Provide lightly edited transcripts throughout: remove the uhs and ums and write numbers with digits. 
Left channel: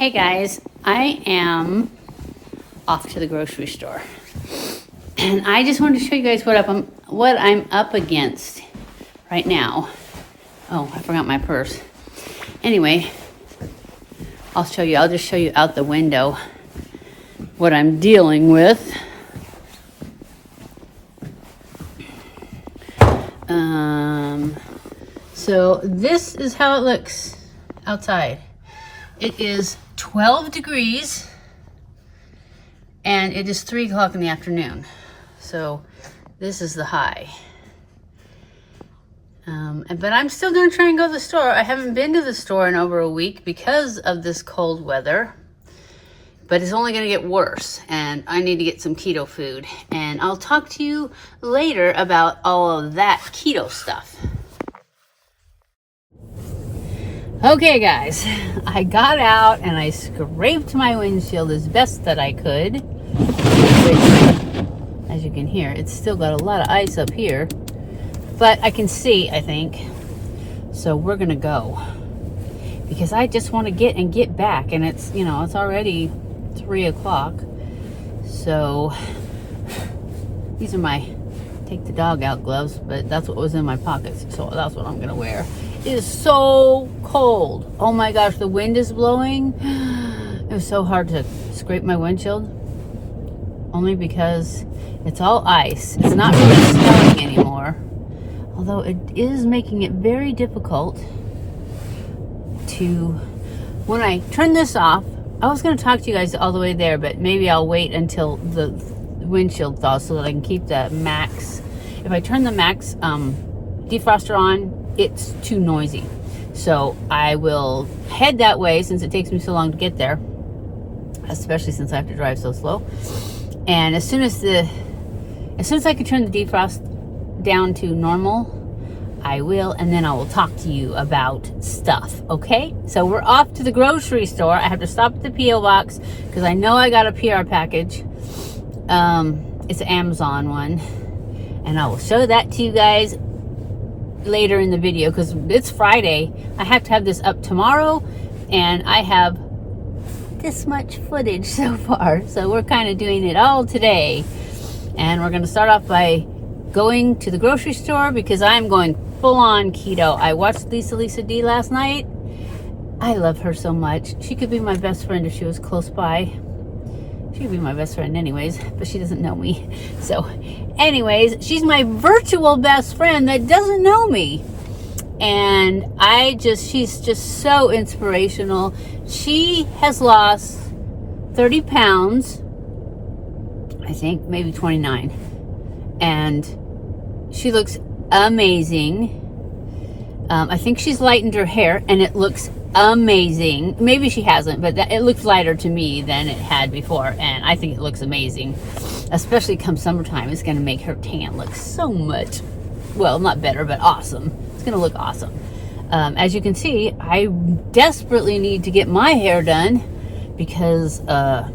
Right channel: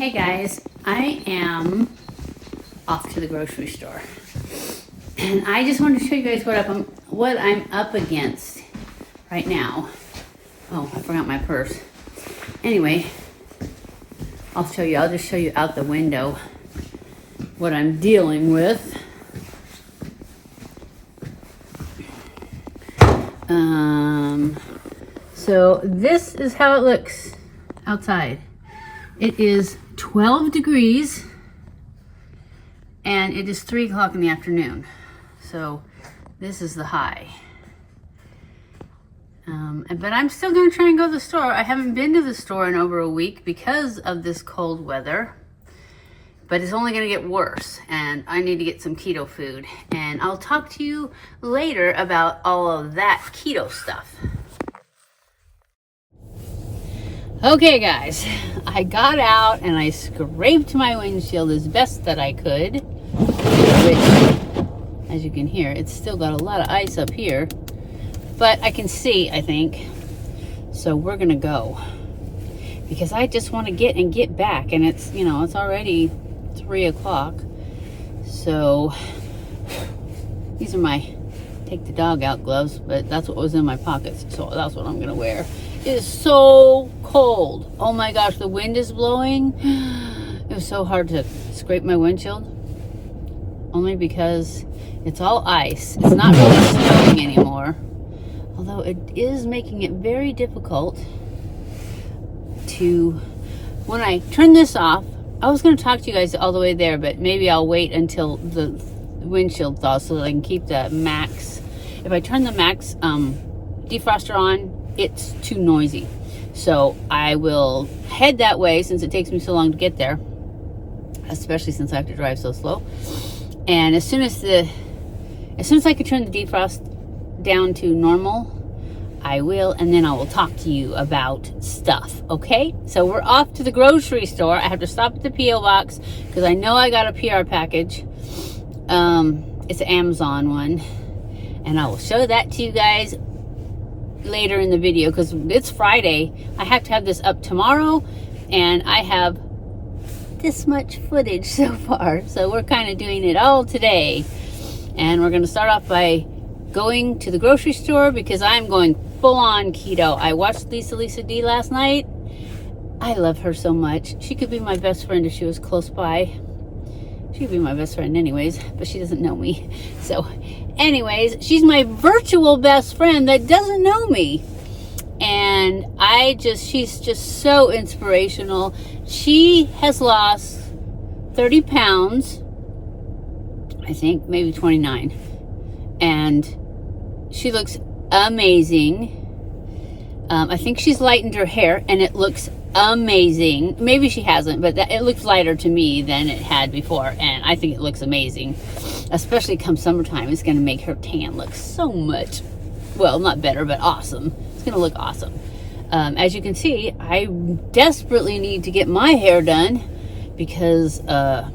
Hey guys, I am off to the grocery store, and I just wanted to show you guys what I'm up against right now. Oh, I forgot my purse. Anyway, I'll just show you out the window what I'm dealing with. So this is how it looks outside. It is 12 degrees and it is 3 o'clock in the afternoon. So this is the high. But I'm still gonna try and go to the store. I haven't been to the store in over a week because of this cold weather, but it's only gonna get worse and I need to get some keto food. And I'll talk to you later about all of that keto stuff. Okay guys, I got out and I scraped my windshield as best that I could, which, as you can hear, it's still got a lot of ice up here, but I can see, I think. So we're gonna go because I just want to get back, and it's, you know, it's already 3 o'clock. So these are my take the dog out gloves, but that's what was in my pockets, so that's what I'm gonna wear. It is so cold. Oh my gosh, the wind is blowing. It was so hard to scrape my windshield, only because it's all ice. It's not really snowing anymore, although it is making it very difficult to, when I turn this off, I was going to talk to you guys all the way there, but maybe I'll wait until the windshield thaws so that I can keep the max. If I turn the max defroster on, it's too noisy. So I will head that way since it takes me so long to get there, especially since I have to drive so slow. And as soon as I can turn the defrost down to normal, I will, and then I will talk to you about stuff, okay? So we're off to the grocery store. I have to stop at the P.O. box because I know I got a PR package. It's an Amazon one, and I will show that to you guys later in the video because it's Friday. I have to have this up tomorrow, and I have this much footage so far, so we're kind of doing it all today. And we're going to start off by going to the grocery store because I'm going full-on keto. I watched Lisa D last night. I love her so much. She could be my best friend if she was close by. She could be my best friend anyways, but she doesn't know me. So anyways, she's my virtual best friend that doesn't know me. And she's just so inspirational. She has lost 30 pounds, I think, maybe 29. And she looks amazing. I think she's lightened her hair and it looks amazing. Maybe she hasn't, but it looks lighter to me than it had before, and I think it looks amazing. Especially come summertime, it's going to make her tan look so much, well, not better, but awesome. It's going to look awesome. As you can see, I desperately need to get my hair done because I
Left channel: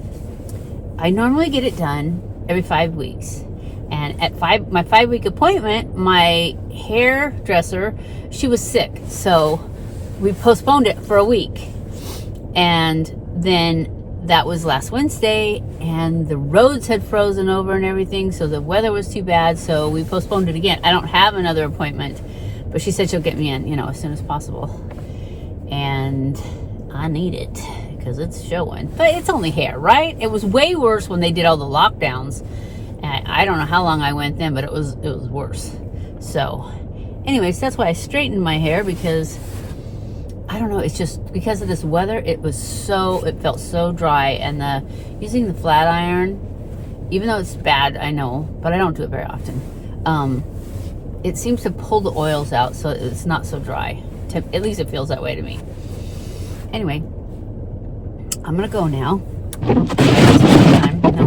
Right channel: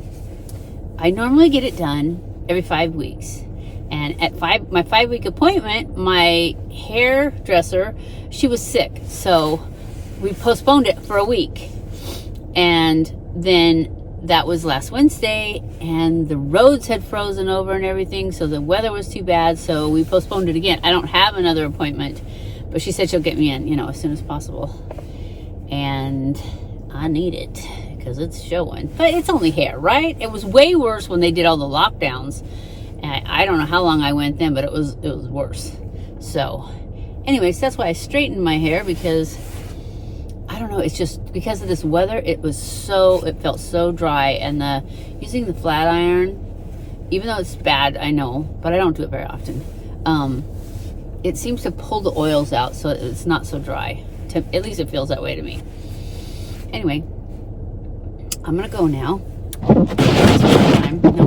normally get it done every 5 weeks. And at my 5-week appointment, my hairdresser, she was sick, so we postponed it for a week. And then that was last Wednesday, and the roads had frozen over and everything, so the weather was too bad, so we postponed it again. I don't have another appointment, but she said she'll get me in, you know, as soon as possible. And I need it because it's showing. But it's only hair, right? It was way worse when they did all the lockdowns. And I don't know how long I went then, but it was worse. So anyways, that's why I straightened my hair, because I don't know, it's just because of this weather, it felt so dry. And using the flat iron, even though it's bad, I know, but I don't do it very often, it seems to pull the oils out so it's not so dry. At least it feels that way to me. Anyway, I'm gonna go now. No,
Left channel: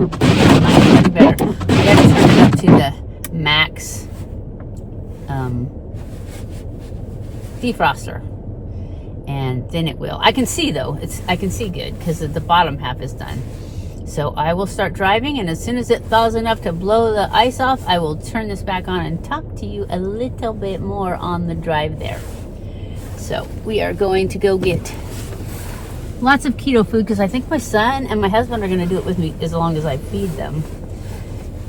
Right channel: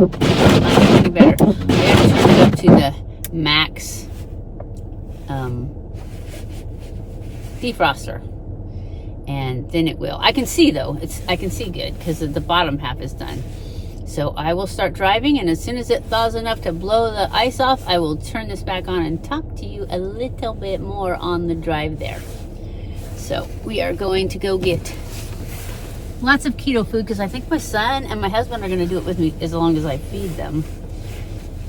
not any better. I gotta turn it up to the max defroster, and then it will. I can see though, I can see good because the bottom half is done. So I will start driving, and as soon as it thaws enough to blow the ice off, I will turn this back on and talk to you a little bit more on the drive there. So we are going to go get lots of keto food because I think my son and my husband are going to do it with me as long as I feed them.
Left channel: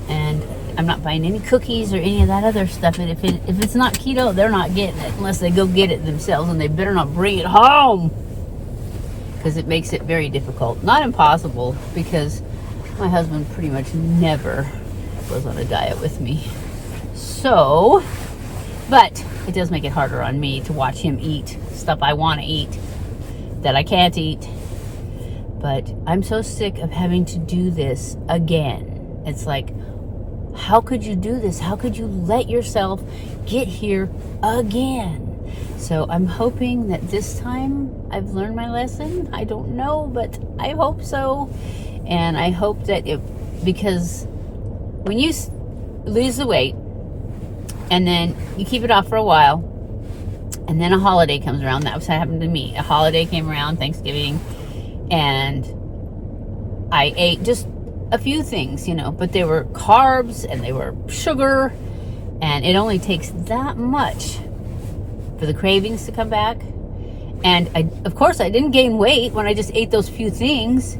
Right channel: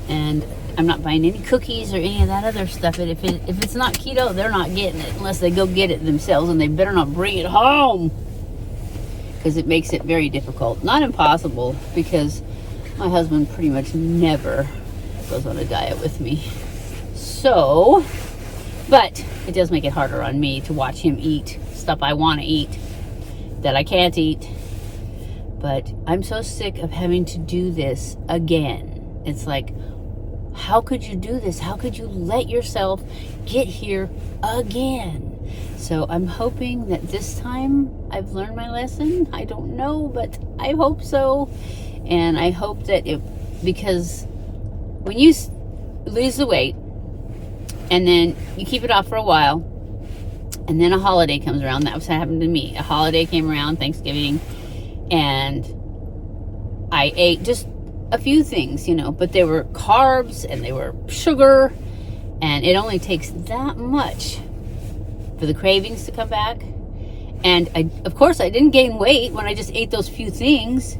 And I'm not buying any cookies or any of that other stuff. If it's not keto, they're not getting it unless they go get it themselves, and they better not bring it home because it makes it very difficult. Not impossible, because my husband pretty much never goes on a diet with me. So, but it does make it harder on me to watch him eat stuff I want to eat that I can't eat. But I'm so sick of having to do this again. It's like, how could you do this? How could you let yourself get here again? So I'm hoping that this time I've learned my lesson. I don't know, but I hope so. And I hope that because when you lose the weight and then you keep it off for a while, and then a holiday comes around. That was what happened to me. A holiday came around, Thanksgiving, and I ate just a few things, you know, but they were carbs and they were sugar, and it only takes that much for the cravings to come back. And of course I didn't gain weight when I just ate those few things.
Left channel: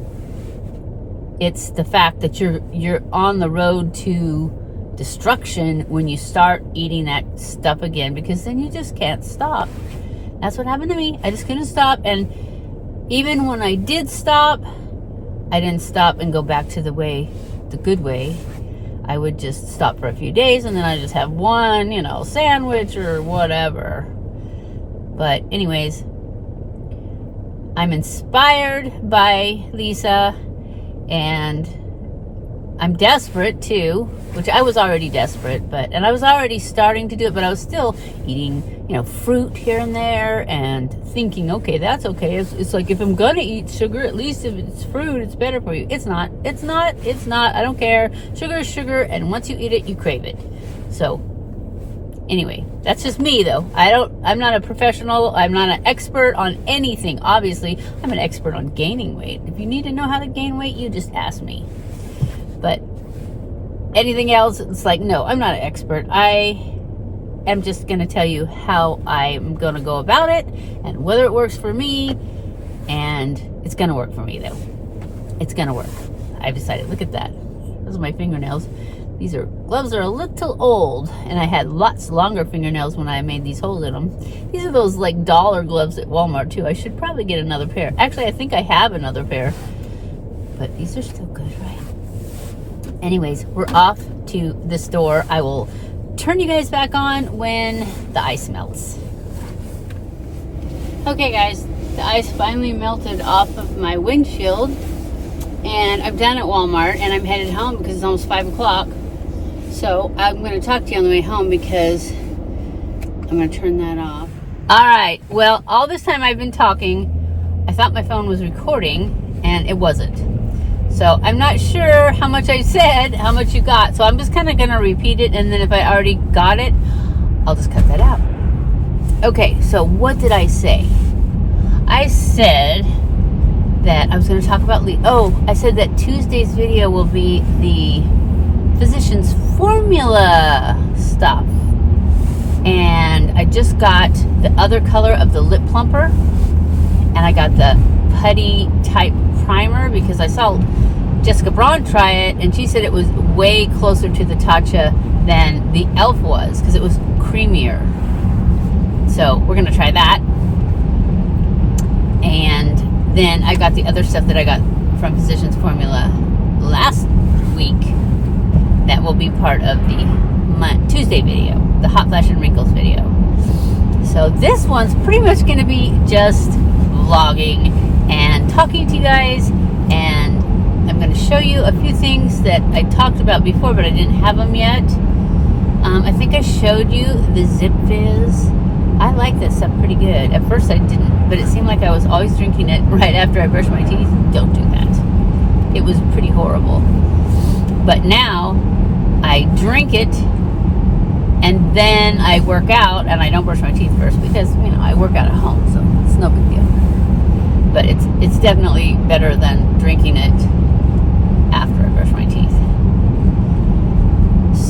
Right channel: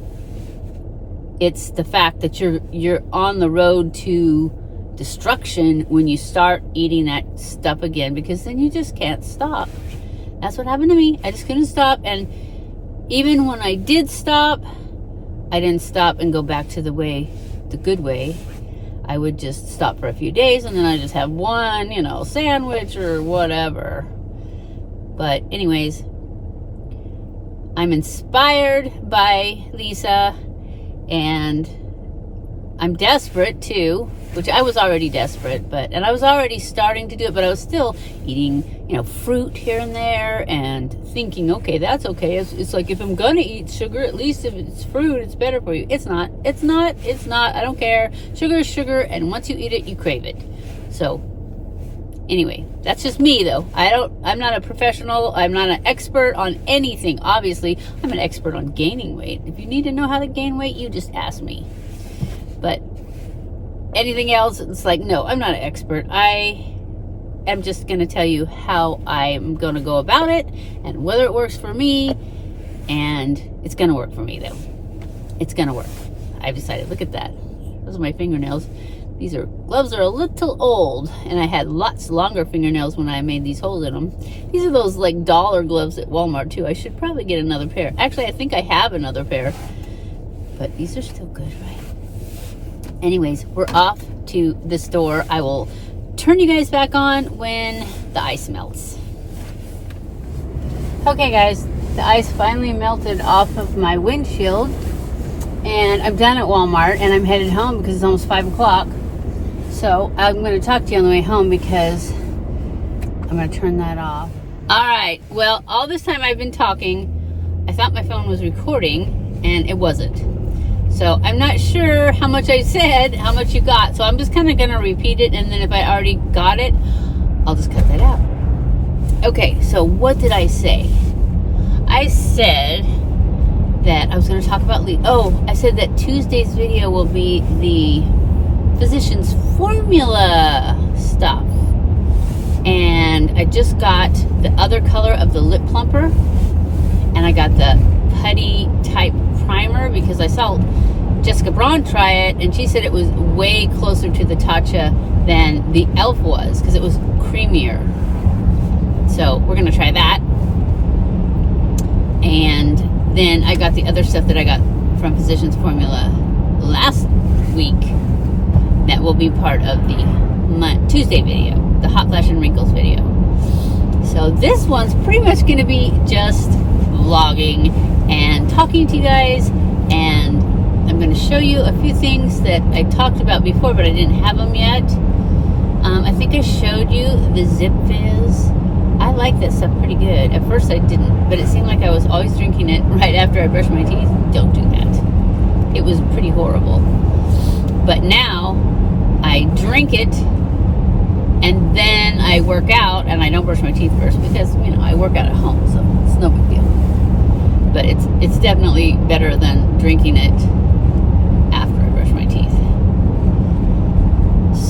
It's the fact that you're on the road to destruction when you start eating that stuff again, because then you just can't stop. That's what happened to me. I just couldn't stop. And even when I did stop, I didn't stop and go back to the good way. I would just stop for a few days, and then I just have one, you know, sandwich or whatever. But anyways, I'm inspired by Lisa, and I'm desperate too, which I was already desperate, and I was already starting to do it, but I was still eating, you know, fruit here and there and thinking, okay, that's okay. It's like, if I'm gonna eat sugar, at least if it's fruit, it's better for you. It's not. I don't care. Sugar is sugar, and once you eat it, you crave it. So anyway, that's just me though. I'm not a professional. I'm not an expert on anything. Obviously, I'm an expert on gaining weight. If you need to know how to gain weight, you just ask me. But anything else, it's like, no, I'm not an expert. I am just going to tell you how I'm going to go about it and whether it works for me. And it's going to work for me, though. It's going to work. I've decided. Look at that. Those are my fingernails. These gloves are a little old, and I had lots longer fingernails when I made these holes in them. These are those like dollar gloves at Walmart too. I should probably get another pair. Actually, I think I have another pair, but these are still good, right? Anyways, we're off to the store. I will turn you guys back on when the ice melts. Okay guys, the ice finally melted off of my windshield, and I'm done at Walmart, and I'm headed home because it's almost 5 o'clock. So I'm going to talk to you on the way home because I'm going to turn that off. All right, well, all this time I've been talking, I thought my phone was recording, and it wasn't. So I'm not sure how much I said, how much you got. So I'm just kind of going to repeat it. And then if I already got it, I'll just cut that out. Okay, so what did I say? I said that I was going to talk about I said that Tuesday's video will be the Physicians Formula stuff. And I just got the other color of the lip plumper. And I got the putty type primer because I saw Jessica Braun try it, and she said it was way closer to the Tatcha than the e.l.f. was because it was creamier. So we're gonna try that. And then I got the other stuff that I got from Physicians Formula last week that will be part of the Tuesday video, the Hot Flash and Wrinkles video. So this one's pretty much gonna be just vlogging and talking to you guys, and I'm going to show you a few things that I talked about before, but I didn't have them yet. I think I showed you the Zip Fizz. I like that stuff pretty good. At first I didn't, but it seemed like I was always drinking it right after I brushed my teeth. Don't do that. It was pretty horrible. But now I drink it, and then I work out, and I don't brush my teeth first because, you know, I work out at home, so it's no big deal. But it's definitely better than drinking it after I brush my teeth.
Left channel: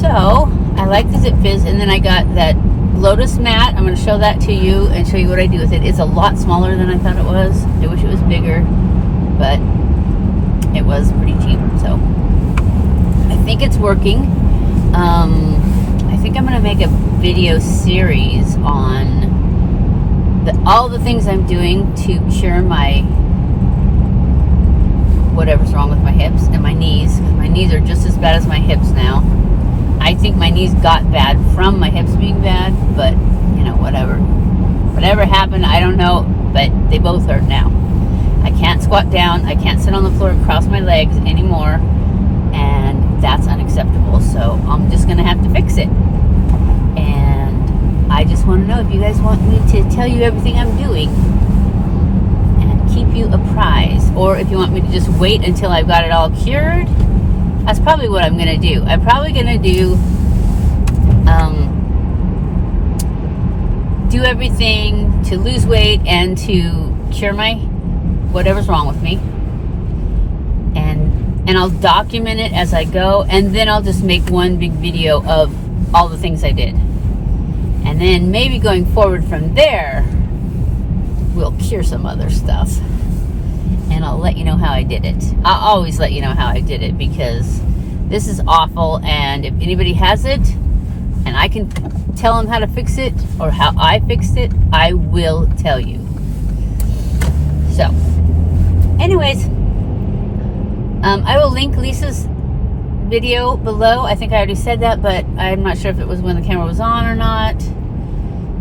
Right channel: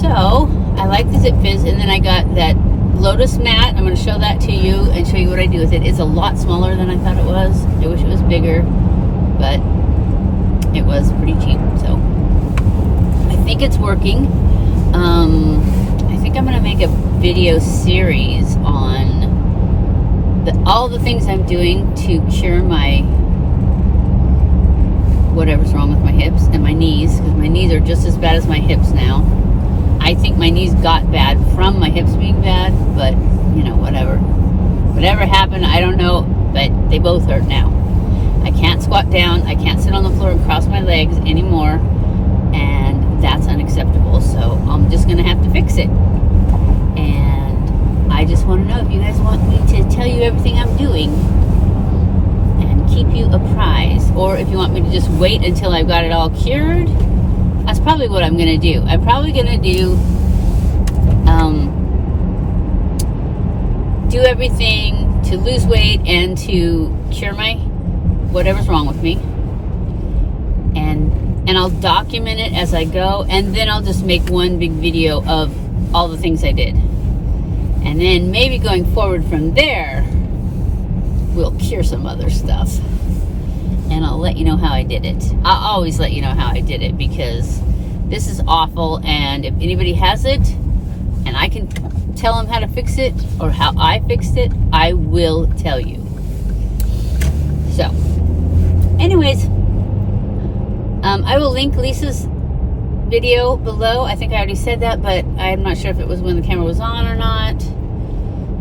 So I like the Zip Fizz, and then I got that Lotus mat. I'm going to show that to you and show you what I do with it. It's a lot smaller than I thought it was. I wish it was bigger, but it was pretty cheap. So I think it's working. I think I'm going to make a video series on all the things I'm doing to cure my whatever's wrong with my hips and my knees, because my knees are just as bad as my hips now. I think my knees got bad from my hips being bad, but you know, whatever happened, I don't know, but they both hurt now. I can't squat down, I can't sit on the floor and cross my legs anymore, and that's unacceptable. So I'm just gonna have to fix it. And I just want to know if you guys want me to tell you everything I'm doing and keep you apprised, or if you want me to just wait until I've got it all cured. That's probably what I'm going to do. I'm probably going to do everything to lose weight and to cure my whatever's wrong with me. And I'll document it as I go, and then I'll just make one big video of all the things I did. And then maybe going forward from there, we'll cure some other stuff. And I'll let you know how I did it. I'll always let you know how I did it, because this is awful, and if anybody has it and I can tell them how to fix it or how I fixed it, I will tell you. So anyways, I will link Lisa's video below. I think I already said that, but I'm not sure if it was when the camera was on or not.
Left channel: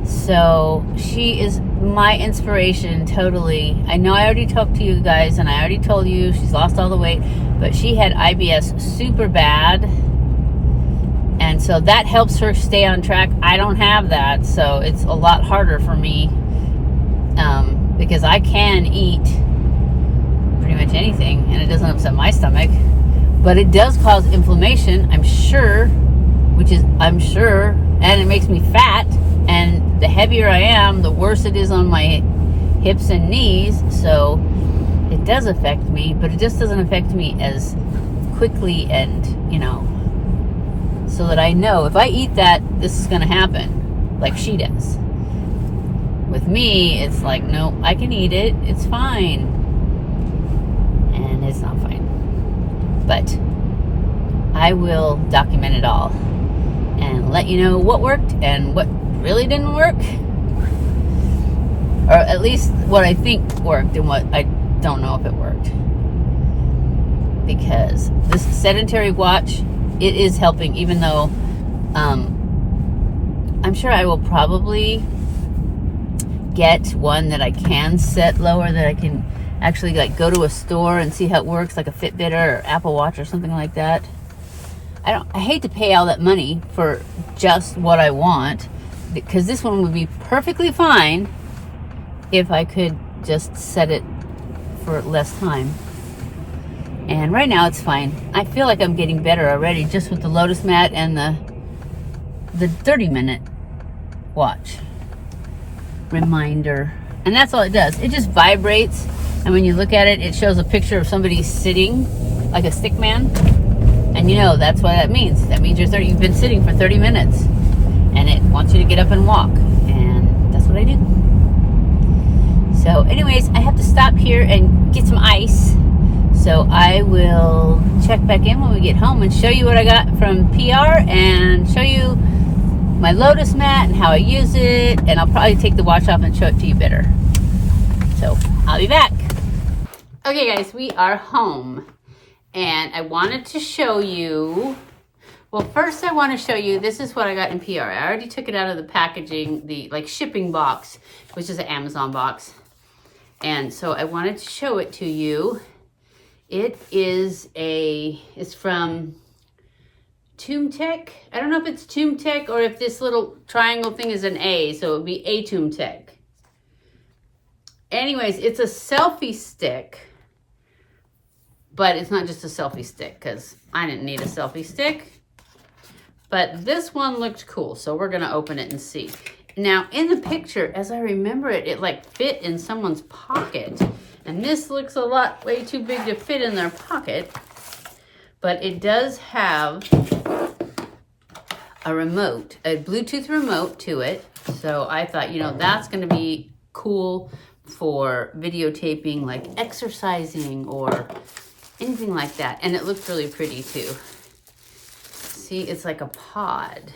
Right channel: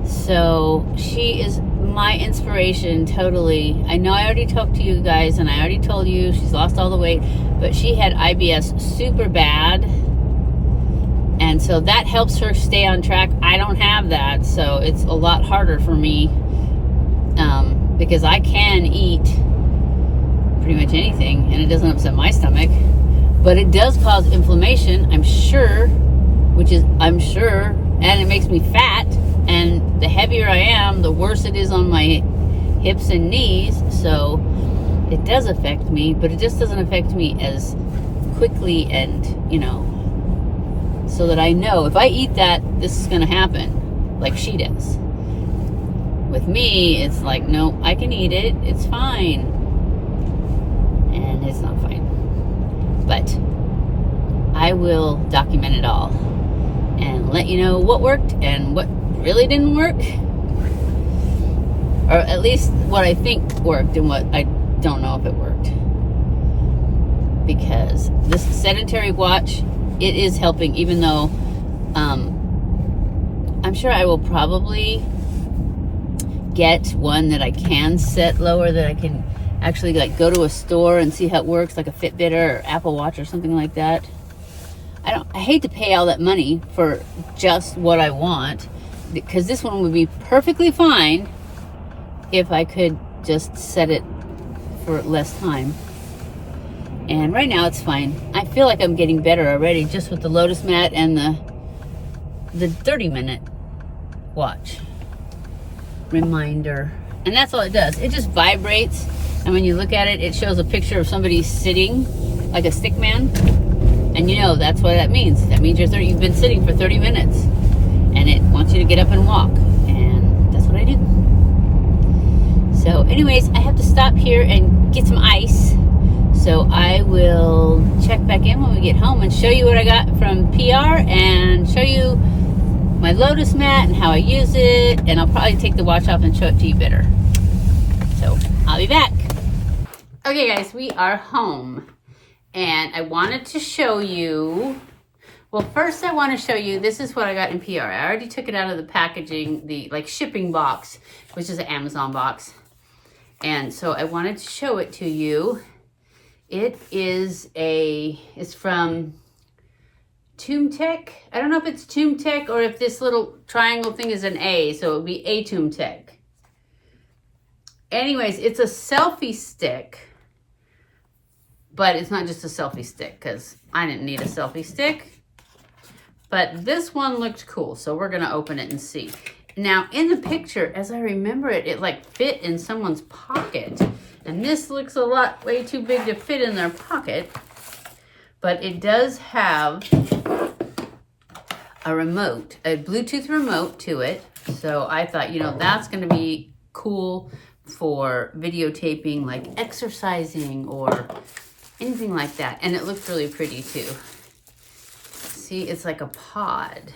So she is my inspiration, totally. I know I already talked to you guys, and I already told you she's lost all the weight, but she had IBS super bad, and so that helps her stay on track. I don't have that, so it's a lot harder for me, because I can eat pretty much anything and it doesn't upset my stomach, but it does cause inflammation, I'm sure, and it makes me fat. And the heavier I am, the worse it is on my hips and knees. So it does affect me, but it just doesn't affect me as quickly, and, you know, so that I know if I eat that, this is going to happen like she does. With me, it's like, no, I can eat it. It's fine. And it's not fine. But I will document it all and let you know what worked and what really didn't work, or at least what I think worked and what I don't know if it worked, because this sedentary watch, it is helping, even though I'm sure I will probably get one that I can set lower, that I can actually like go to a store and see how it works, like a Fitbit or Apple Watch or something like that. I hate to pay all that money for just what I want, because this one would be perfectly fine if I could just set it for less time. And right now it's fine. I feel like I'm getting better already just with the Lotus mat and the 30-minute watch reminder. And that's all it does. It just vibrates, and when you look at it, it shows a picture of somebody sitting like a stick man. And you know, that's what that means. That means you've been sitting for 30 minutes. And it wants you to get up and walk. And that's what I did. So anyways, I have to stop here and get some ice. So I will check back in when we get home and show you what I got from PR, and show you my Lotus mat and how I use it. And I'll probably take the watch off and show it to you better. So I'll be back. Okay guys, we are home. And I wanted to show you, well, first I want to show you, this is what I got in PR. I already took it out of the packaging, the like shipping box, which is an Amazon box. And so I wanted to show it to you. It's from ATUMTEK. I don't know if it's ATUMTEK or if this little triangle thing is an A, so it would be ATUMTEK. Anyways, it's a selfie stick. But it's not just a selfie stick, because I didn't need a selfie stick. But this one looked cool, so we're going to open it and see. Now, in the picture, as I remember it, it like fit in someone's pocket. And this looks way too big to fit in their pocket. But it does have a remote, a Bluetooth remote to it. So I thought, you know, that's going to be cool for videotaping, like exercising or anything like that. And it looked really pretty too. See, it's like a pod.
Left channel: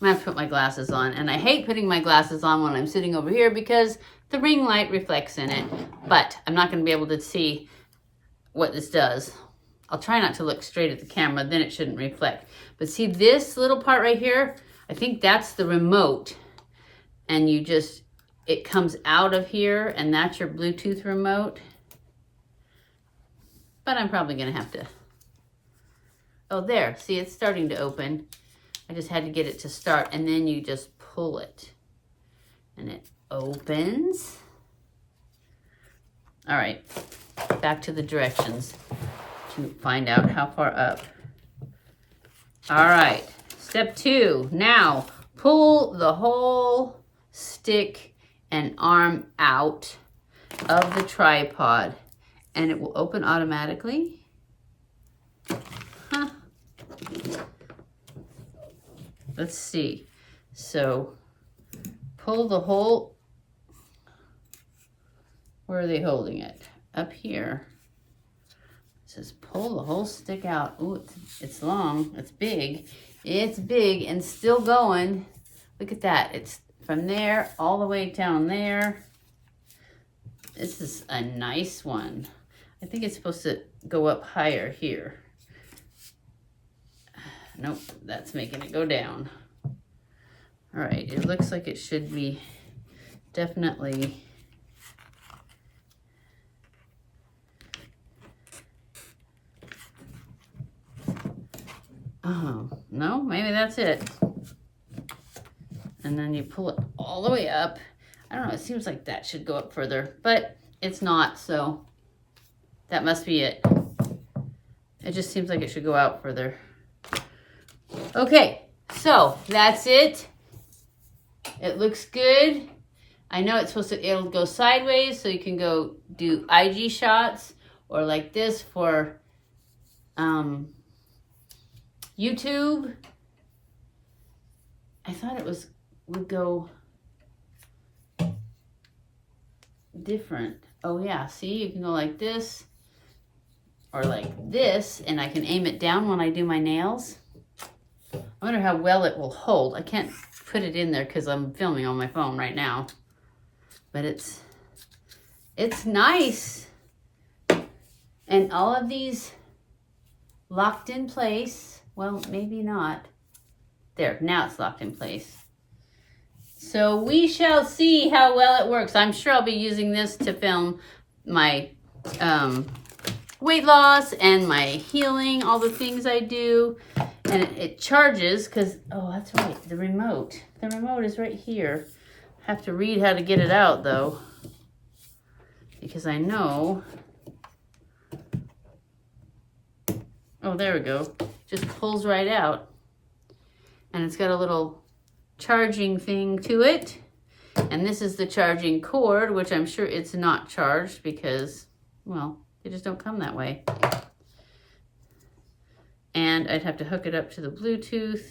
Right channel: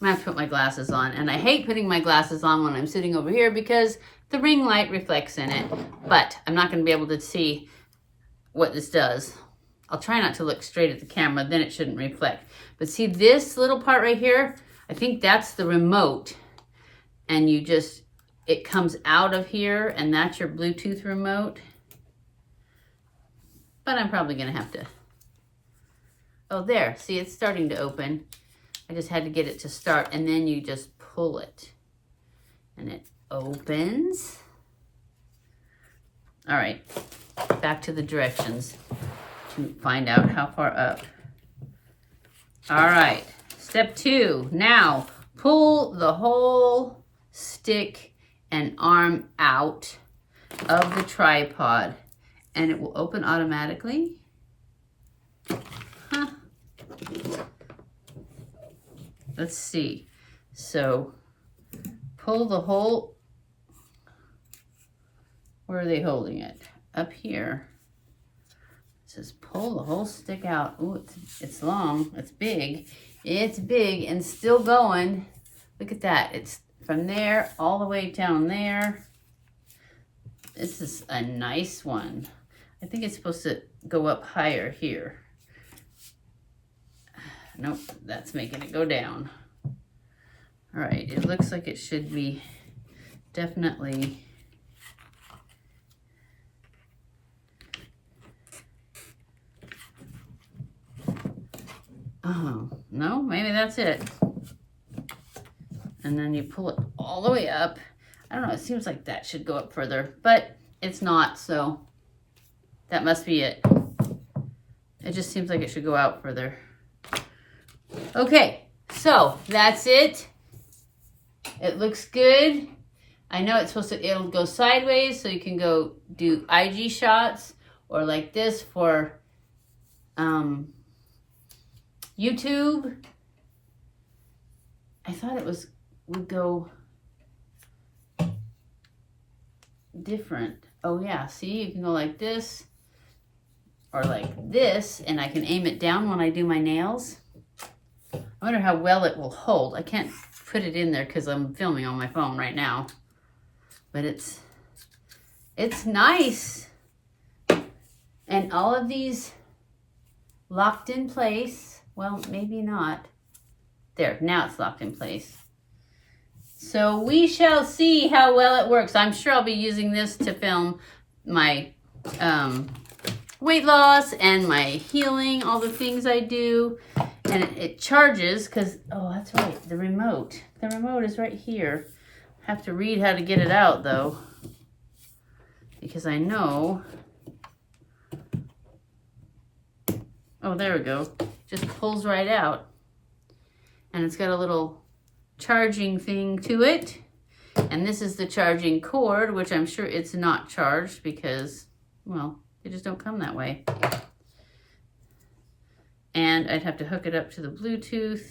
I'm gonna have to put my glasses on, and I hate putting my glasses on when I'm sitting over here because the ring light reflects in it, but I'm not gonna be able to see what this does. I'll try not to look straight at the camera, then it shouldn't reflect. But see this little part right here? I think that's the remote, and you just, it comes out of here, and that's your Bluetooth remote. But I'm probably gonna have to, oh there, see it's starting to open. I just had to get it to start, and then you just pull it and it opens. All right, back to the directions to find out how far up. All right, step 2. Now pull the whole stick and arm out of the tripod and it will open automatically. Huh. Let's see. So pull the whole, where are they holding it? Up here. It says pull the whole stick out. Ooh, it's long, it's big. It's big and still going. Look at that. It's from there all the way down there. This is a nice one. I think it's supposed to go up higher here. Nope, that's making it go down. All right, it looks like it should be definitely oh, no, maybe that's it. And then you pull it all the way up. I don't know, it seems like that should go up further, but it's not, so that must be it. It just seems like it should go out further. Okay, so that's it. It looks good. I know it's supposed to, it'll go sideways so you can go do IG shots or like this for YouTube. I thought it would go different. Oh yeah, see, you can go like this or like this, and I can aim it down when I do my nails. I wonder how well it will hold. I can't put it in there because I'm filming on my phone right now. But it's nice. And all of these locked in place. Well, maybe not. There, now it's locked in place. So we shall see how well it works. I'm sure I'll be using this to film my weight loss and my healing, all the things I do. And it charges because, oh, that's right, the remote. The remote is right here. I have to read how to get it out, though, because I know. Oh, there we go. Just pulls right out. And it's got a little charging thing to it. And this is the charging cord, which I'm sure it's not charged because, well, they just don't come that way. And I'd have to hook it up to the Bluetooth.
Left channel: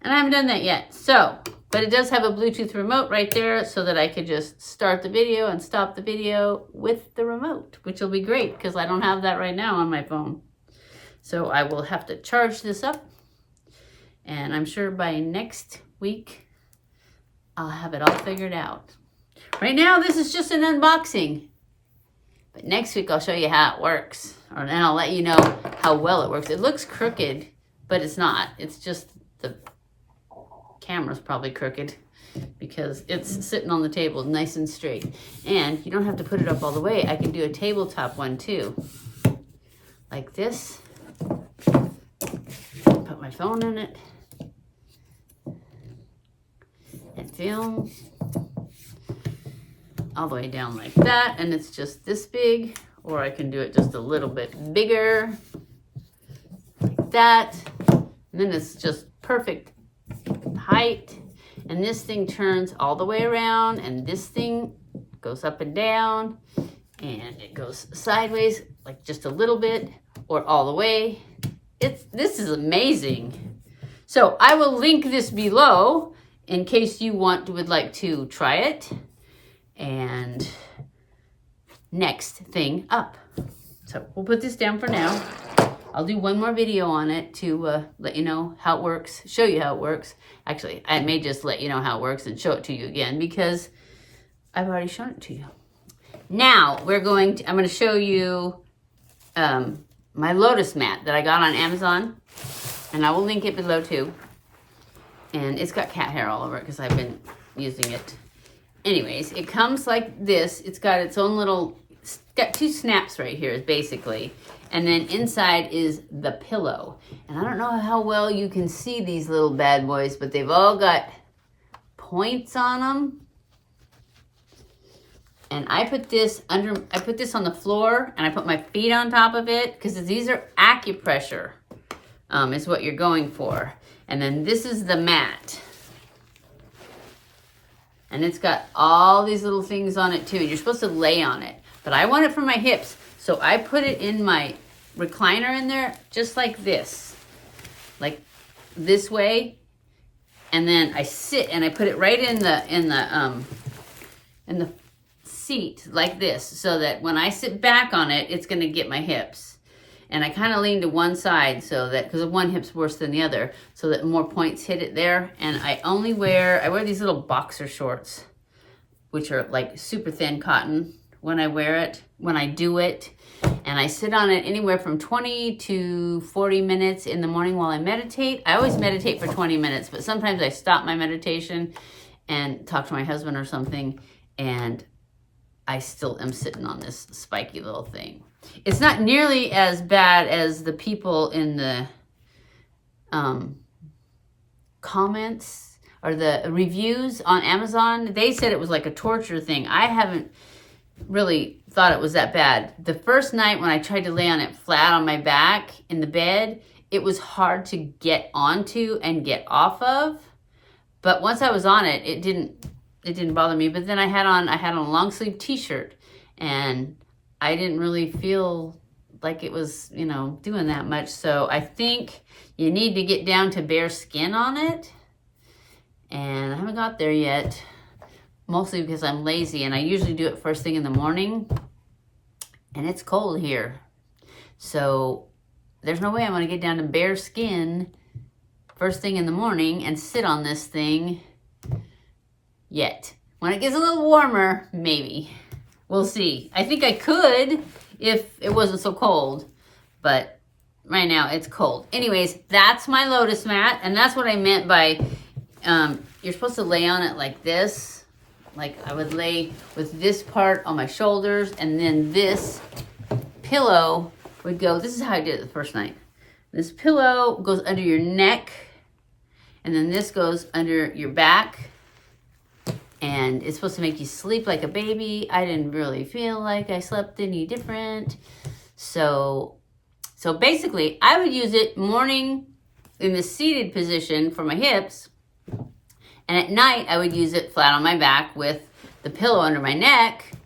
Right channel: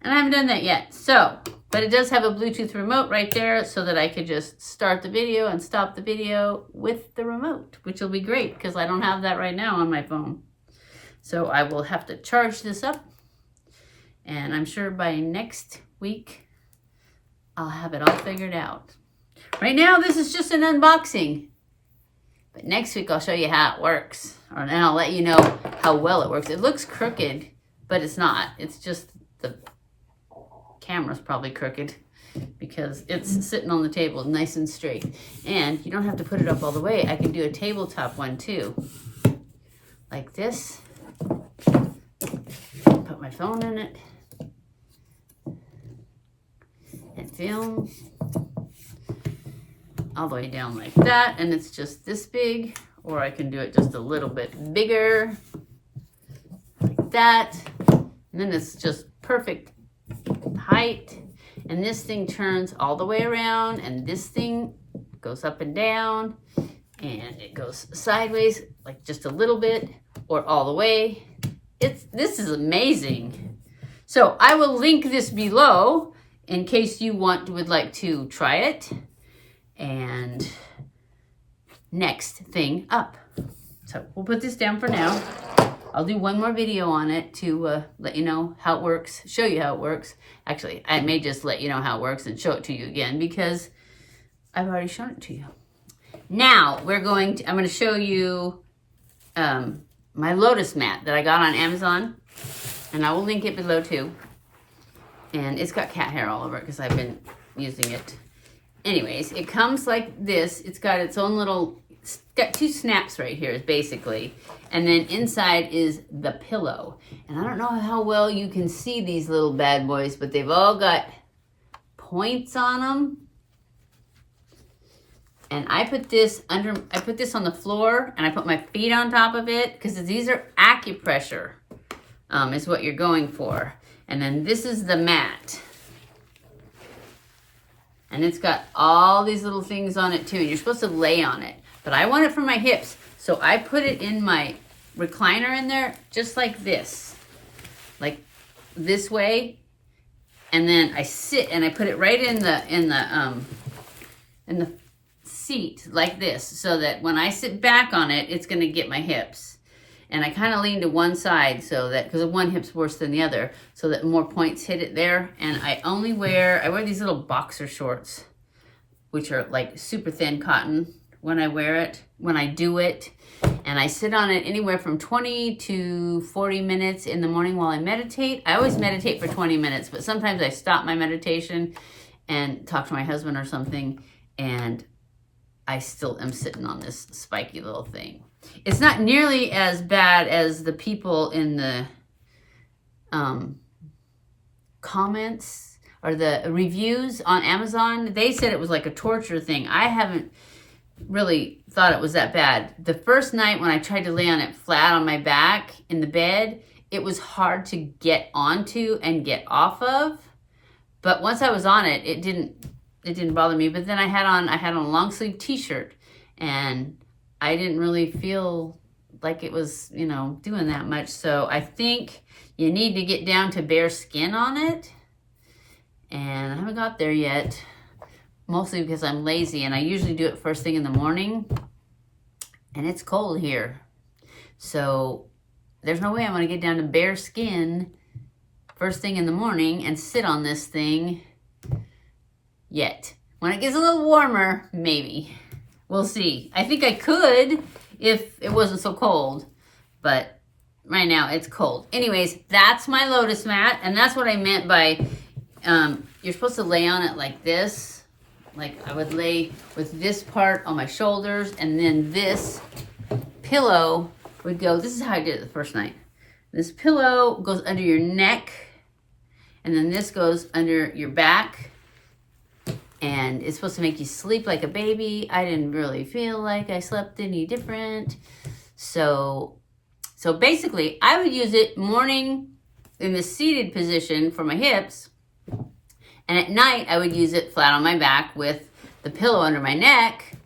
And I haven't done that yet. So, but it does have a Bluetooth remote right there so that I could just start the video and stop the video with the remote, which will be great because I don't have that right now on my phone. So I will have to charge this up. And I'm sure by next week, I'll have it all figured out. Right now, this is just an unboxing. But next week, I'll show you how it works. And I'll let you know how well it works. It looks crooked, but it's not. It's just the camera's probably crooked because it's sitting on the table nice and straight. And you don't have to put it up all the way. I can do a tabletop one too. Like this. Put my phone in it. It films all the way down like that, and it's just this big, or I can do it just a little bit bigger, like that, and then it's just perfect height, and this thing turns all the way around, and this thing goes up and down, and it goes sideways, like just a little bit, or all the way. This is amazing. So I will link this below in case you would like to try it. And next thing up. So we'll put this down for now. I'll do one more video on it to let you know how it works, show you how it works. Actually, I may just let you know how it works and show it to you again because I've already shown it to you. Now I'm going to show you my Lotus mat that I got on Amazon, and I will link it below too. And it's got cat hair all over it because I've been using it. Anyways, it comes like this. It's got its own little, it's got 2 snaps right here basically. And then inside is the pillow. And I don't know how well you can see these little bad boys, but they've all got points on them. And I put this on the floor, and I put my feet on top of it because these are acupressure, is what you're going for. And then this is the mat. And it's got all these little things on it too, and you're supposed to lay on it. But I want it for my hips, so I put it in my recliner in there, just like this way. And then I sit and I put it right in the seat like this, so that when I sit back on it, it's gonna get my hips. And I kind of lean to one side so that, because one hip's worse than the other, so that more points hit it there. And I wear these little boxer shorts, which are like super thin cotton when I do it. And I sit on it anywhere from 20 to 40 minutes in the morning while I meditate. I always meditate for 20 minutes, but sometimes I stop my meditation and talk to my husband or something, and I still am sitting on this spiky little thing. It's not nearly as bad as the people in the comments or the reviews on Amazon. They said it was like a torture thing. I haven't really thought it was that bad. The first night when I tried to lay on it flat on my back in the bed, it was hard to get onto and get off of. But once I was on it, it didn't bother me. But then I had on a long sleeve t-shirt, and I didn't really feel like it was, doing that much. So I think you need to get down to bare skin on it. And I haven't got there yet, mostly because I'm lazy, and I usually do it first thing in the morning, and it's cold here. So there's no way I'm going to get down to bare skin first thing in the morning and sit on this thing yet. When it gets a little warmer, maybe. We'll see. I think I could if it wasn't so cold, but right now it's cold. Anyways, that's my Lotus mat, and that's what I meant by you're supposed to lay on it like this. Like I would lay with this part on my shoulders, and then this pillow would go, this is how I did it the first night. This pillow goes under your neck, and then this goes under your back. And it's supposed to make you sleep like a baby. I didn't really feel like I slept any different. So basically, I would use it morning in the seated position for my hips. And at night, I would use it flat on my back with the pillow under my neck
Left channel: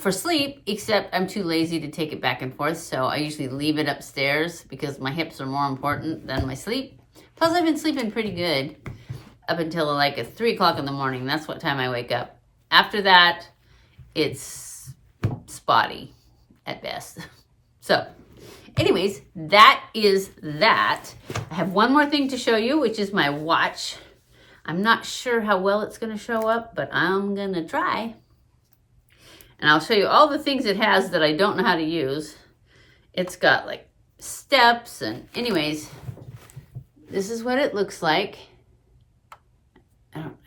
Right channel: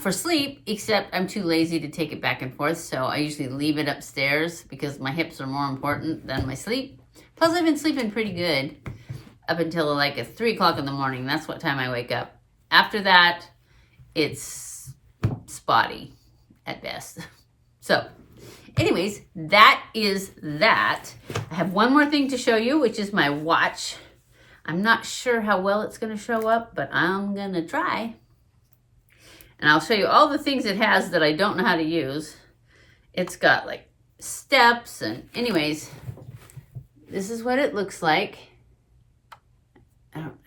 for sleep, except I'm too lazy to take it back and forth. So I usually leave it upstairs because my hips are more important than my sleep. Plus, I've been sleeping pretty good up until like 3 o'clock in the morning. That's what time I wake up. After that, it's spotty at best. So anyways, that is that. I have one more thing to show you, which is my watch. I'm not sure how well it's going to show up, but I'm going to try. And I'll show you all the things it has that I don't know how to use. It's got like steps, and anyways, this is what it looks like.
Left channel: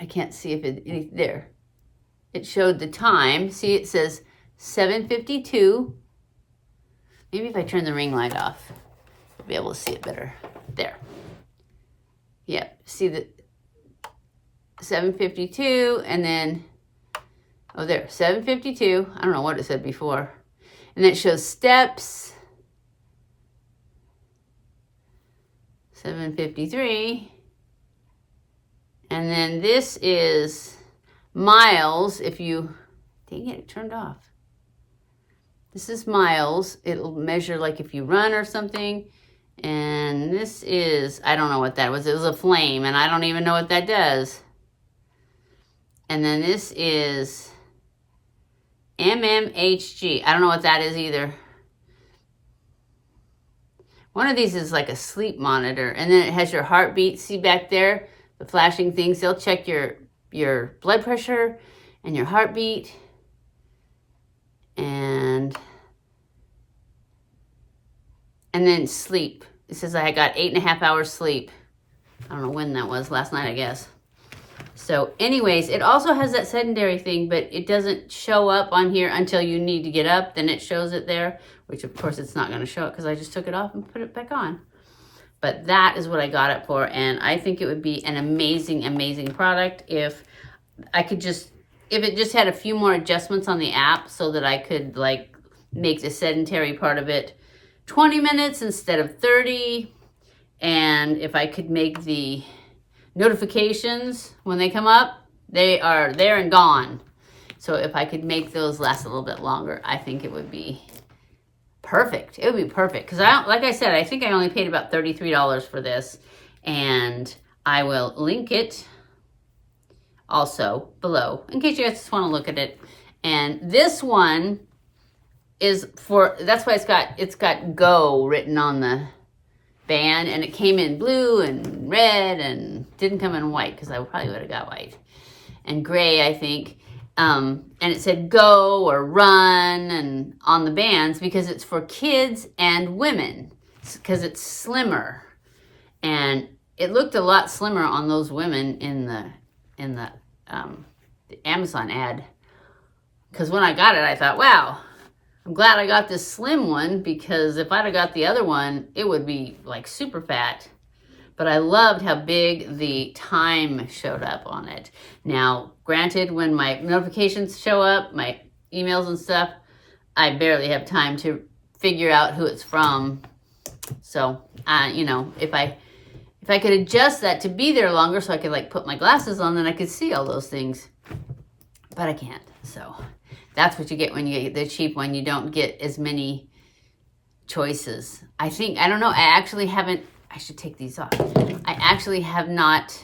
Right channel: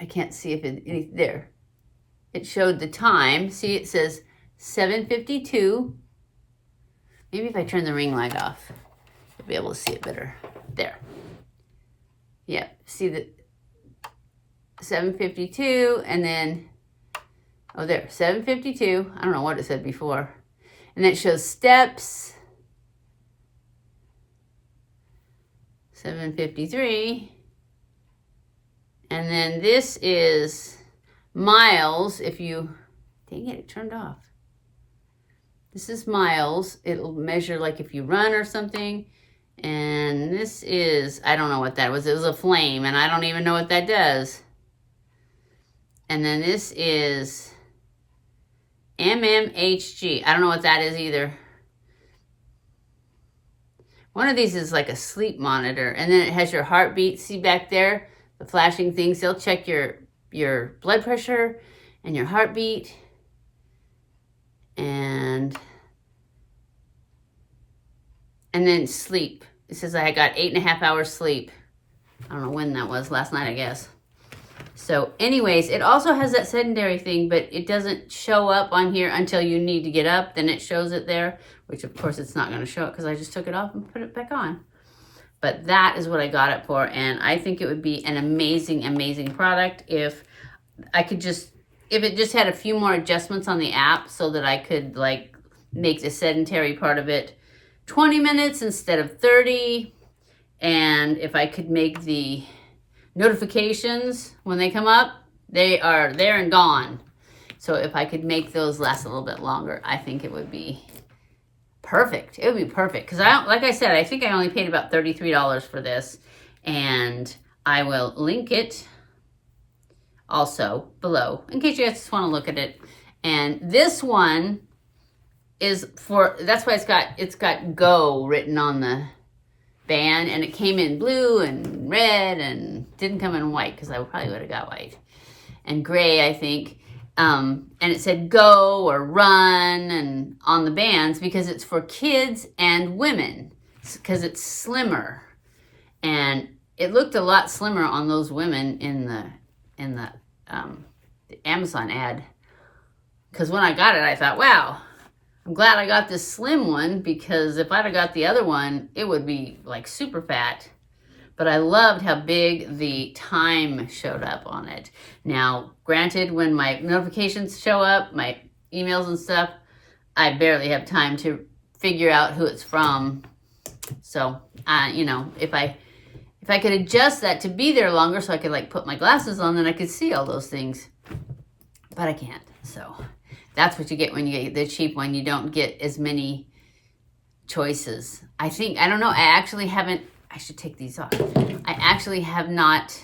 I can't see if there. It showed the time. See, it says 7:52. Maybe if I turn the ring light off, you'll be able to see it better. There. Yeah, see the 7:52, and then, oh there, 7:52. I don't know what it said before. And then it shows steps. 7:53. And then this is miles. If you, dang it turned off. This is miles. It'll measure like if you run or something. And this is, I don't know what that was. It was a flame, and I don't even know what that does. And then this is MMHG. I don't know what that is either. One of these is like a sleep monitor, and then it has your heartbeat. See back there, the flashing things. They'll check your blood pressure and your heartbeat. And then sleep. It says I got 8.5 hours sleep. I don't know when that was, last night, I guess. So anyways, it also has that sedentary thing, but it doesn't show up on here until you need to get up. Then it shows it there, which of course it's not going to show it because I just took it off and put it back on. But that is what I got it for, and I think it would be an amazing, amazing product if I could just, if it just had a few more adjustments on the app so that I could like make the sedentary part of it 20 minutes instead of 30. And if I could make the notifications when they come up, they are there and gone. So if I could make those last a little bit longer, I think it would be perfect. It would be perfect. Because like I said, I think I only paid about $33 for this. And I will link it also below in case you guys just want to look at it. And this one is for, that's why it's got Go written on the band, and it came in blue and red and didn't come in white because I probably would have got white and gray, I think. And it said Go or Run and on the bands because it's for kids and women because it's slimmer, and it looked a lot slimmer on those women in the Amazon ad. Because when I got it, I thought, wow, I'm glad I got this slim one, because if I'd have got the other one, it would be like super fat. But I loved how big the time showed up on it. Now, granted, when my notifications show up, my emails and stuff, I barely have time to figure out who it's from. So, you know, if I could adjust that to be there longer so I could like put my glasses on, then I could see all those things. But I can't, so that's what you get when you get the cheap one. You don't get as many choices. I don't know, I should take these off. I actually have not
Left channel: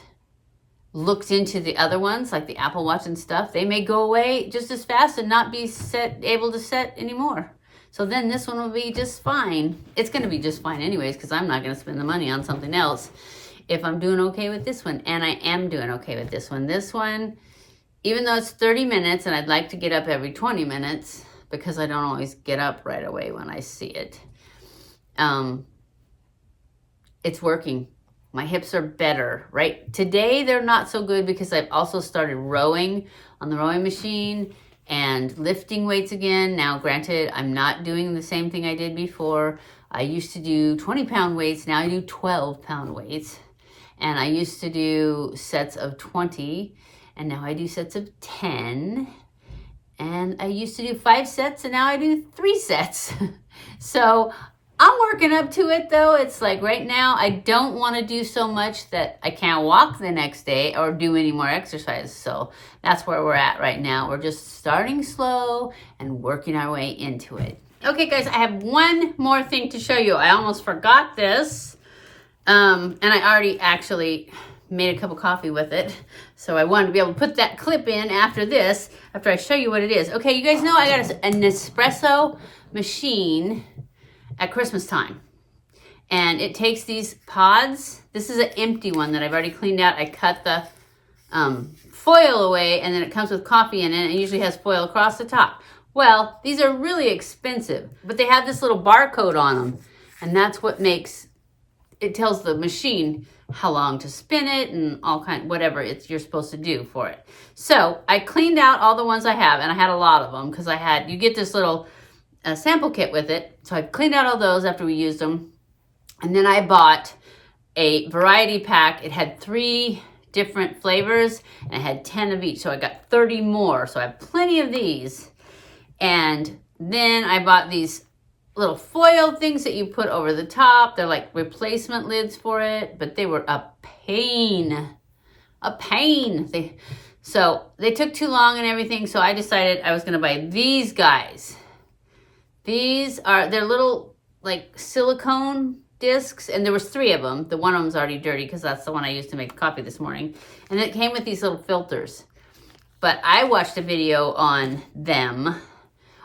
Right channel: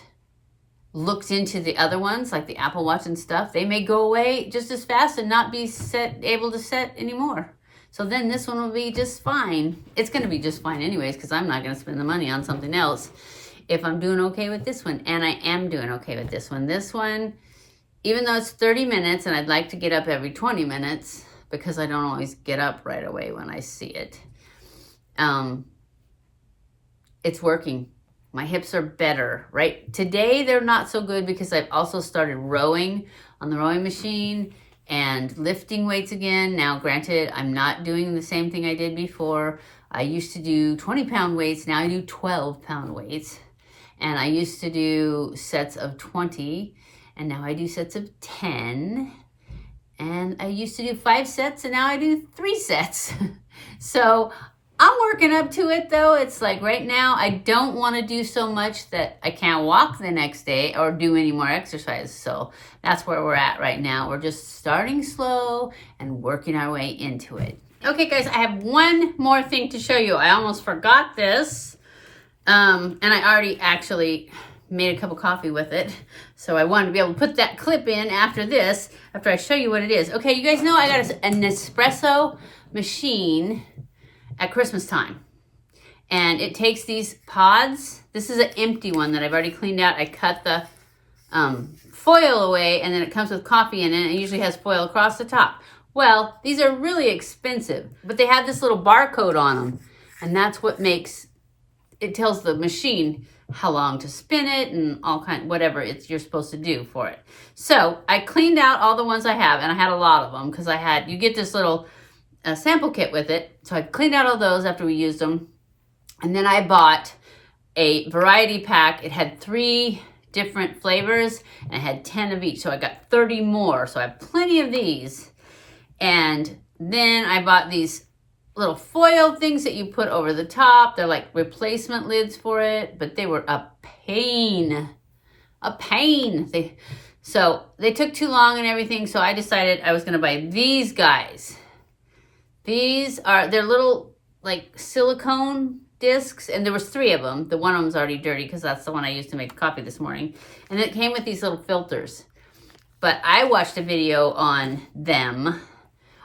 looked into the other ones, like the Apple Watch and stuff. They may go away just as fast and not be able to set anymore. So then this one will be just fine. It's going to be just fine anyways, because I'm not going to spend the money on something else if I'm doing okay with this one. And I am doing okay with this one. This one, even though it's 30 minutes and I'd like to get up every 20 minutes because I don't always get up right away when I see it, it's working. My hips are better, right? Today, they're not so good because I've also started rowing on the rowing machine and lifting weights again. Now, granted, I'm not doing the same thing I did before. I used to do 20-pound weights. Now I do 12-pound weights. And I used to do sets of 20. And now I do sets of 10. And I used to do 5 sets. And now I do 3 sets. So I'm working up to it, though. It's like right now, I don't want to do so much that I can't walk the next day or do any more exercise. So that's where we're at right now. We're just starting slow and working our way into it. Okay, guys, I have one more thing to show you. I almost forgot this. And I already actually made a cup of coffee with it. So I wanted to be able to put that clip in after this, after I show you what it is. Okay, you guys know I got a Nespresso machine at Christmas time, and it takes these pods. This is an empty one that I've already cleaned out. I cut the foil away, and then it comes with coffee in it, and it usually has foil across the top. Well, these are really expensive, but they have this little barcode on them, and that's what makes it, tells the machine how long to spin it and all kind, whatever you're supposed to do for it. So I cleaned out all the ones I have, and I had a lot of them because you get this little sample kit with it. So I cleaned out all those after we used them. And then I bought a variety pack. It had 3 different flavors and it had 10 of each. So I got 30 more. So I have plenty of these. And then I bought these little foil things that you put over the top. They're like replacement lids for it, but they were a pain. So they took too long and everything. So I decided I was going to buy these guys. They're little like silicone discs, and there was 3 of them. The one of them's already dirty because that's the one I used to make coffee this morning. And it came with these little filters. But I watched a video on them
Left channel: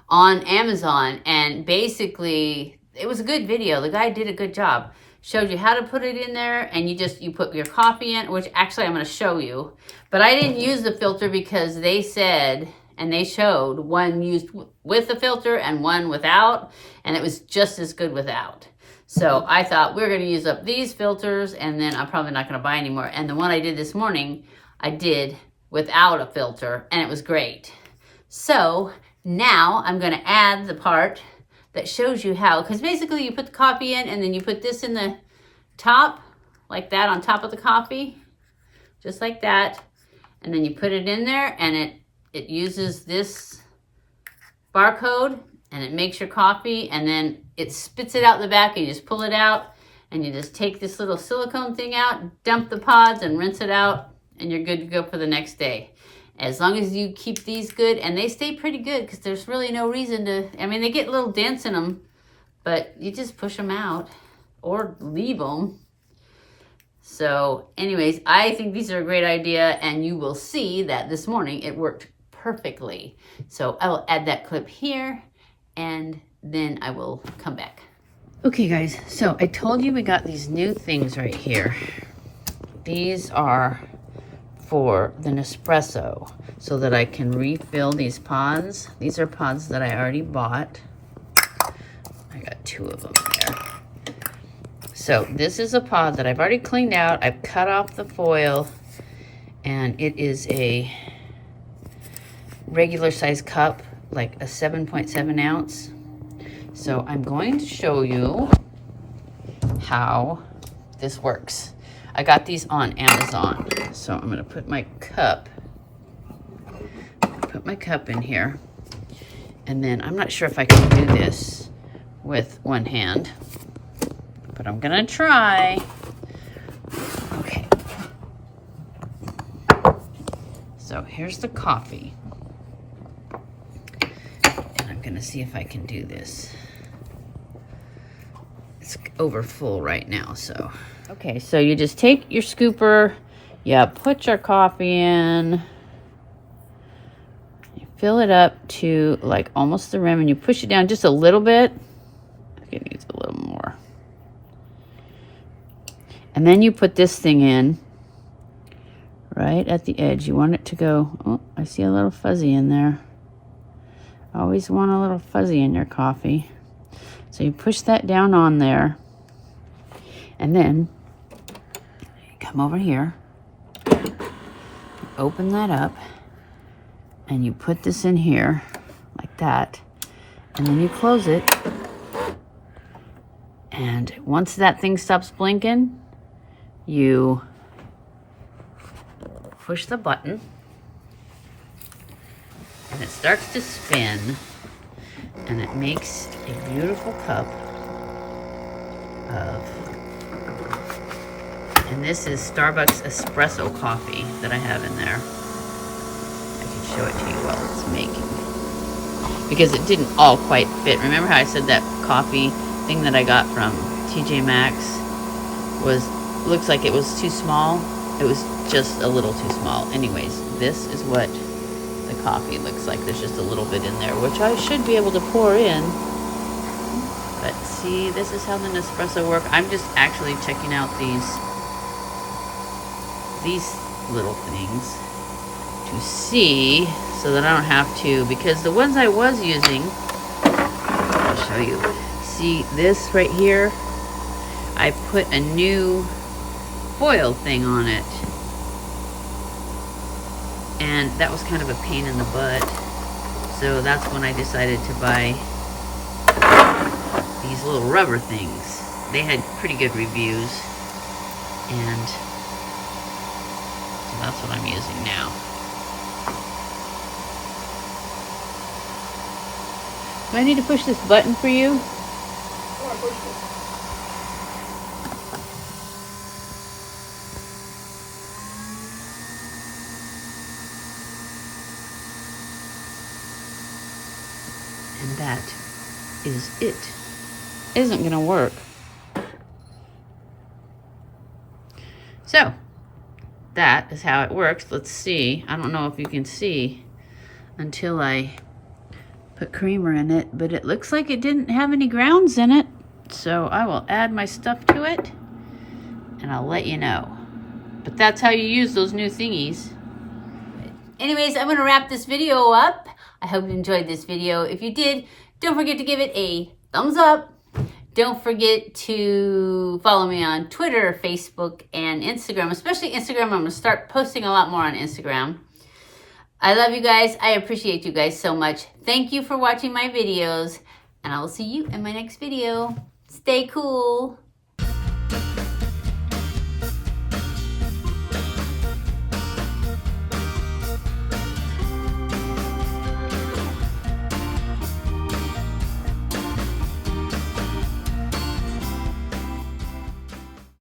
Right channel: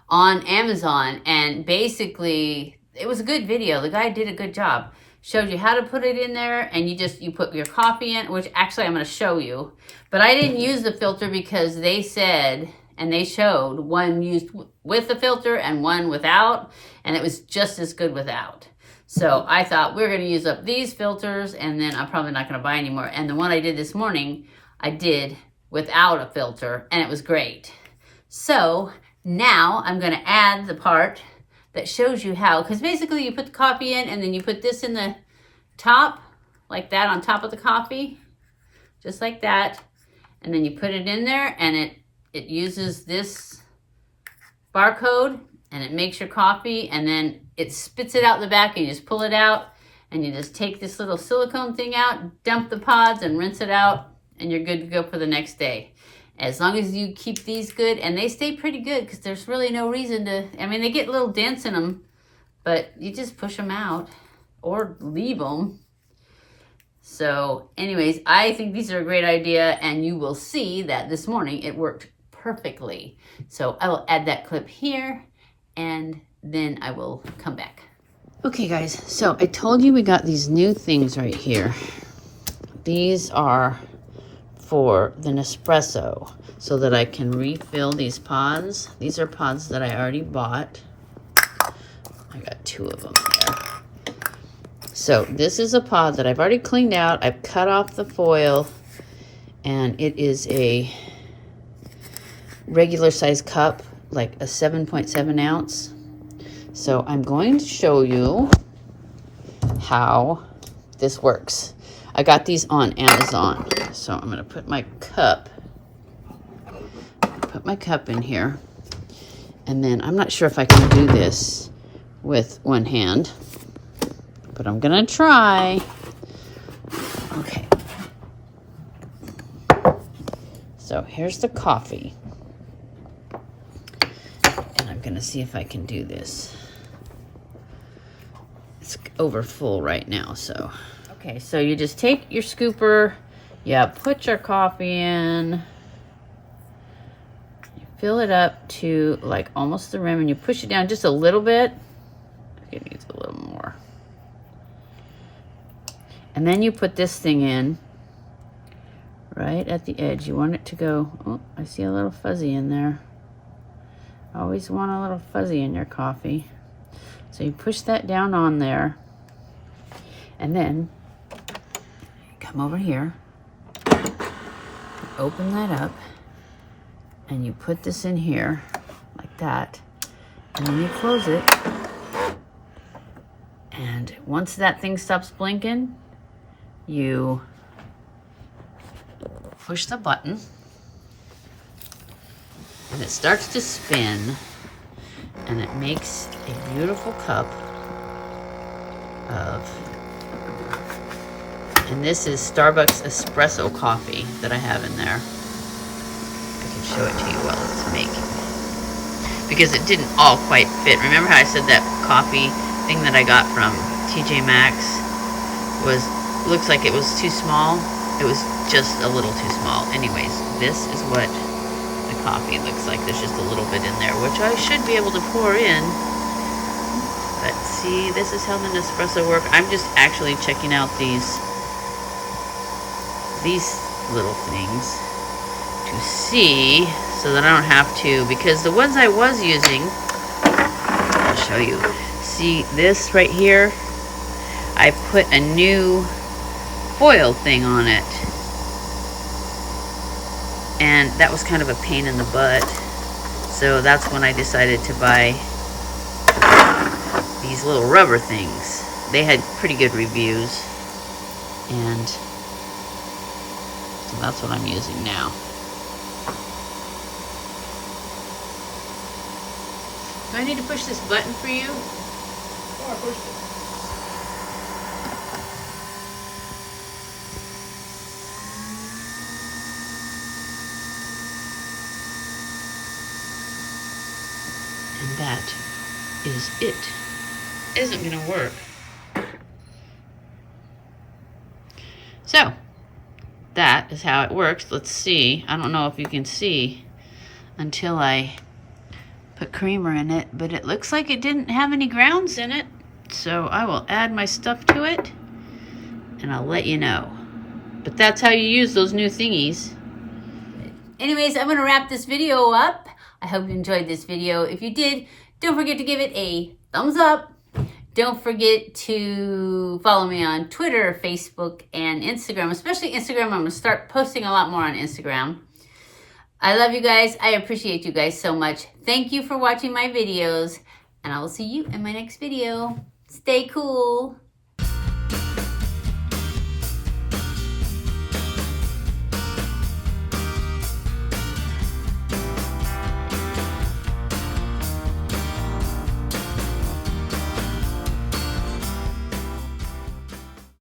on Amazon, and basically it was a good video. The guy did a good job. Showed you how to put it in there, and you put your coffee in, which actually I'm going to show you. But I didn't use the filter because they said, and they showed one used with the filter and one without, and it was just as good without. So I thought we're going to use up these filters, and then I'm probably not going to buy any more. And the one I did this morning, I did without a filter, and it was great. So now I'm going to add the part that shows you how, because basically you put the coffee in, and then you put this in the top, like that, on top of the coffee, just like that. And then you put it in there, and it uses this barcode, and it makes your coffee, and then it spits it out the back, and you just pull it out, and you just take this little silicone thing out, dump the pods, and rinse it out, and you're good to go for the next day. As long as you keep these good, and they stay pretty good, because there's really no reason to, I mean, they get little dents in them, but you just push them out or leave them. So anyways, I think these are a great idea, and you will see that this morning it worked perfectly. So I will add that clip here, and then I will come back. Okay guys, so I told you we got these new things right here. These are for the Nespresso, so that I can refill these pods. These are pods that I already bought. I got 2 of them there. So this is a pod that I've already cleaned out. I've cut off the foil, and it is a regular size cup, like a 7.7 ounce. So I'm going to show you how this works. I got these on Amazon. So I'm gonna put my cup in here. And then I'm not sure if I can do this with one hand, but I'm gonna try. Okay. So here's the coffee. And I'm gonna see if I can do this. It's over full right now, so. Okay, so you just take your scooper, you put your coffee in, you fill it up to like almost the rim, and you push it down just a little bit. It needs a little more. And then you put this thing in right at the edge. You want it to go, oh, I see a little fuzzy in there. Always want a little fuzzy in your coffee. So you push that down on there, and then come over here, open that up, and you put this in here like that, and then you close it. And once that thing stops blinking, you push the button, and it starts to spin, and it makes a beautiful cup of, and this is Starbucks espresso coffee that I have in there. I can show it to you while it's making, because it didn't all quite fit. Remember how I said that coffee thing that I got from TJ Maxx looks like it was too small? It was just a little too small. Anyways, this is what the coffee looks like. There's just a little bit in there, which I should be able to pour in. But see, this is how the Nespresso work. I'm just actually checking out these little things to see, so that I don't have to, because the ones I was using, I'll show you. See this right here? I put a new foil thing on it, and that was kind of a pain in the butt. So that's when I decided to buy these little rubber things. They had pretty good reviews, and so that's what I'm using now. Do I need to push this button for you? And that is it. It isn't going to work. So, that is how it works. Let's see. I don't know if you can see until I put creamer in it, but it looks like it didn't have any grounds in it. So I will add my stuff to it and I'll let you know. But that's how you use those new thingies. Anyways, I'm going to wrap this video up. I hope you enjoyed this video. If you did, don't forget to give it a thumbs up. Don't forget to follow me on Twitter, Facebook, and Instagram. Especially Instagram. I'm going to start posting a lot more on Instagram. I love you guys. I appreciate you guys so much. Thank you for watching my videos. And I will see you in my next video. Stay cool.